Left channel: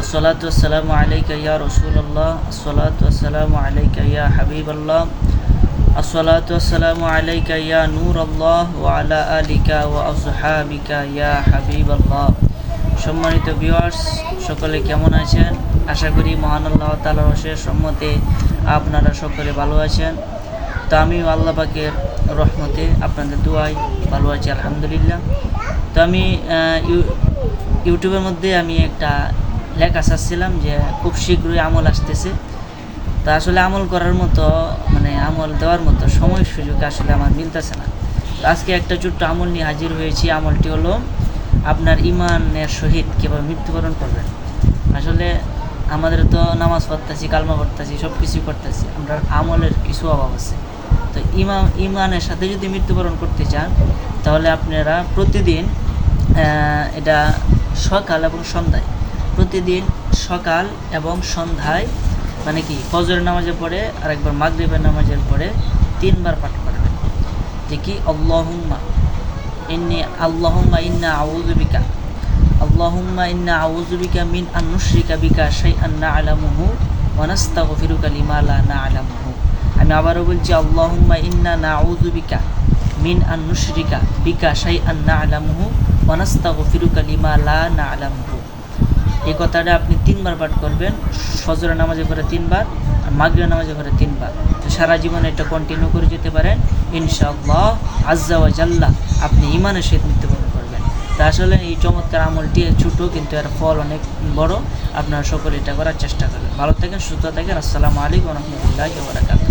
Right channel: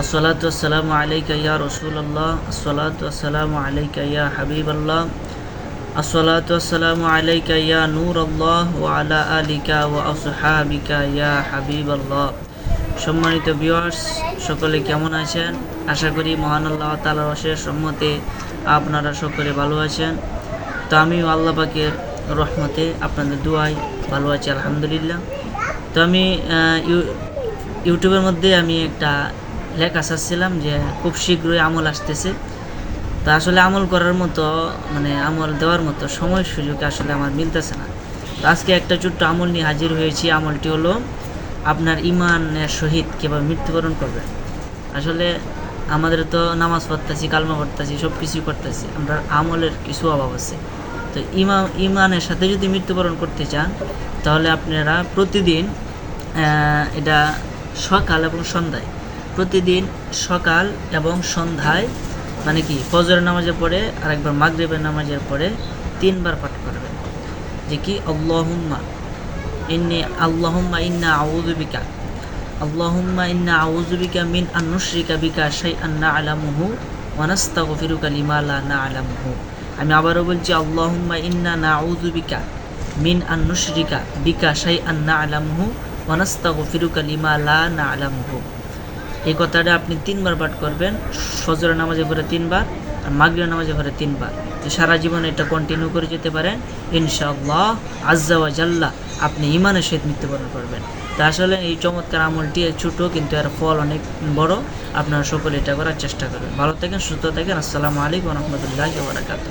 الصلاة والسلام عليك يا رسول الله الصلاة والسلام عليك يا حبيب الله الصلاة والسلام عليك يا نور الله وعلى آلك وأصحابك يا حبيب الله সম্মানিত ভিউয়ার্স সকলে কেমন আছেন আশা করি মহান আল্লাহ তালার অশেষ সম্মতে আপনারা সকলে ভালো আছেন তো আমিও আল্লাহ পাকের রহমতে আপনাদের দুয়াই ভালো আছি আলহামদুলিল্লাহ তো আমি আহ, ইউ- ইউটিউবের মধ্যে আমি একটা লেখা চাচ্ছিলাম যে খুব শীঘ্রই আমল আসতেছে। তা আসলে আমল করার মতো মানে আমল দেওয়ার মতো সময় সুযোগ আসলে আমার মিলতেছে না। তো আজকে একটা ছোট্ট আমল নিয়ে হাজির হয়েছি। আমলটি হলো, আপনার ইমানের সহিত কীভাবে মৃত্যুবরণ করবেন। আসলে আমাদের তো নামাজ পড়তেছি, কালমা পড়তেছি সব কিছুই করতেছি। আমরা আমলের কিছু অভাব আছে। তো ইমান ইমানের সাথে যদি মৃত্যুবরণ করতে চান, তাহলে আপনারা প্রতিদিন এটা সকাল এবং সন্ধ্যায় প্রতিদিন সকাল এবং সন্ধ্যায় মানে কি ফজরের নামাজের পরে আর একবার মাগরিবের নামাজের পরে তিনবার পাঠ করবেন। যে কি আল্লাহুম্মা ইন্নি, আল্লাহুম্মা ইন্না আউযু বিকা, আল্লাহুম্মা ইন্না আউযু বিকা মিন আন নুশরিকা বিকা শাইআন না'লামুহু ওয়া নাস্তাগফিরুকা লিমা লা না'লামুহু। আমি আবারও বলছি, আল্লাহুম্মা ইন্না নাউযু বিকা মিন আন নুশরিকা বিকা শাইআন না'লামুহু ওয়া নাস্তাগফিরুকা লিমা লা না'লামুহু। এই কথাটা আপনি তিনবার পাঠ করবেন, ফজরের নামাজে করে তিনবার আর মাগরিবের নামাজে করে তিনবার। তো সারা জীবন এটা কন্টিনিউ করে যেতে পারেন। ইনশাআল্লাহ আজ্জা ওয়া জাল্লা আপনি ইমানের সহিত মৃত্যুবরণ করবেন। তা আসলে এই চমৎকার আমলটি ছোটো কিন্তু এর ফল অনেক বড়। আপনারা সকলে এটা করার চেষ্টা করবেন। ভালো থাকেন, সুস্থ থাকেন। আসসালামু আলাইকুম রহমতুল্লাহ বারাকাতুহ।